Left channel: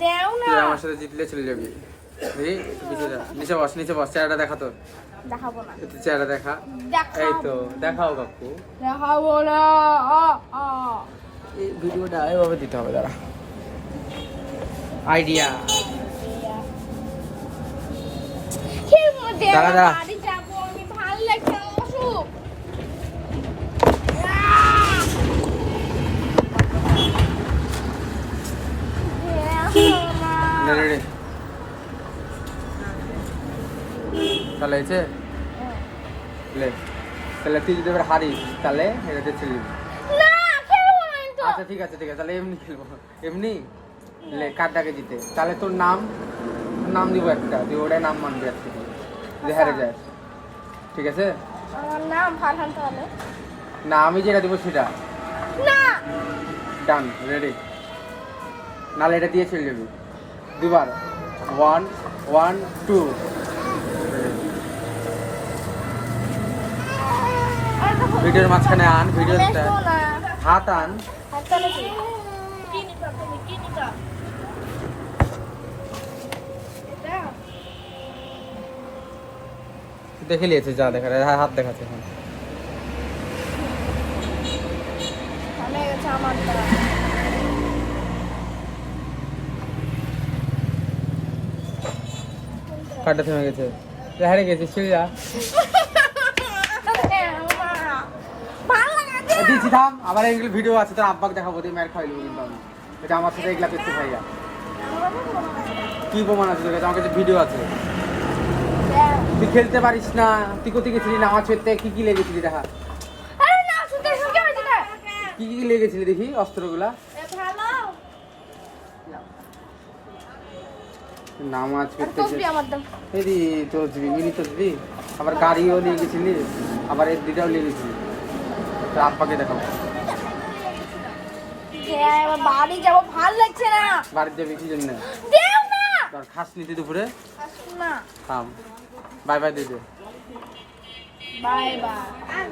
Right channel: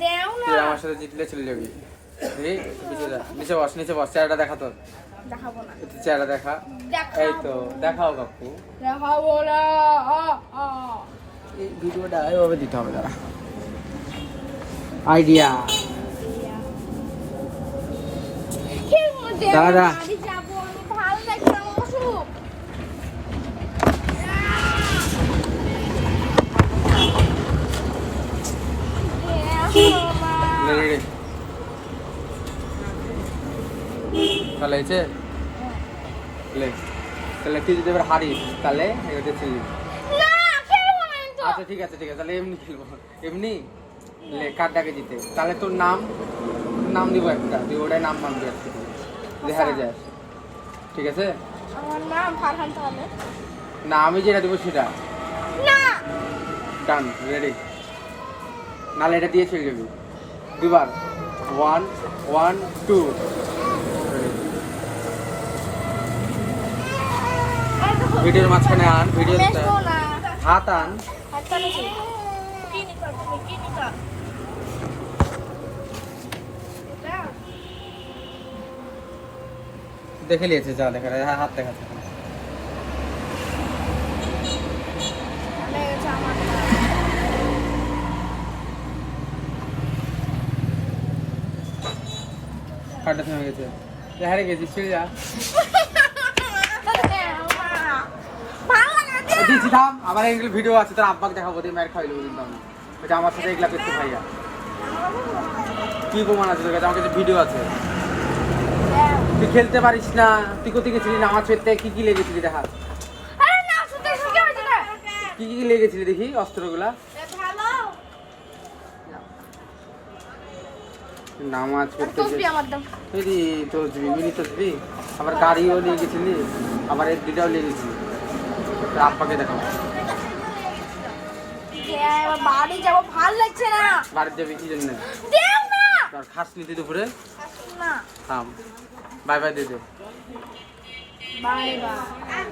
তুই আমার সাথে জিতলে চলে যাবি। নিচে বস চেহারাটা দেখা তো। দেখাবো না। একটু চেহারা দেখা। এই তো দেখাও কাকু। দেখাবো না। এই ভিডিওটা এভাবে দিতে হবে দাঁড়া। আইডিয়া দাঁড়া বাড়ি যাবো আমি, ভালো লাগছে না অসুখ। রেডি তাহলে হয়েছে লে তাহলে তুই যদি এবার হারিস তাহলে এটাতে ছেড়ে দিবি। আচ্ছা ঠিক আছে তাহলে এমনি খেলবো। এমনি লে কার্ডটাকে জিতে তাহলে তোর নাম দিব একটা, তুই ওটাই নাম মানবি আর কি যে হারে যাস। ঠিক আছে আমার নাম ফারহান তাহলে না, আমি যেটা দেবো সেটা না। ডান রেডি। নাহলে এটা দিয়ে চলে যাবি দুবার। 1 1 2 ভিডিওর মাঝখানে আন, ভিডিও হাত আন। দেখে নিয়েছে যা দেখা হাত দেখাচ্ছে। কাটা থেমে গেছে, হারে গেছিস চলে যা। দিচ্ছি থাম, আবার এগুলো ভিডিও আছে তোর আব্বাকে দেখাবো, তুই মায়ের খাইলো কিন্তু আমি এটা আমার সাথে এগুলা করতে ভাইয়া। কি প্রমাণ আছে তোর কাছে? আমার কাছে ভিডিও আছে। তুই খেলতে পারিস না, তুই কোথায় গেছিলি নামাজ পড়তে? কি লেগেছিলি দেখা, কি লেগেছিলি দেখি অস্ত্রগুলা। নামাজ পড়তে তসবি মিনি তসবি, আবার গাড়িও নিয়ে গেছিলি, আবার এর দুটাও নিয়ে গেছিলি। আব্বাকে দেখো। বাড়ি যাবো, ভালো লাগছে না। বাড়িতে যাবি কি জন্য? খাস নিতে দুপুরে থাম। বাই বাই দে। Bye by.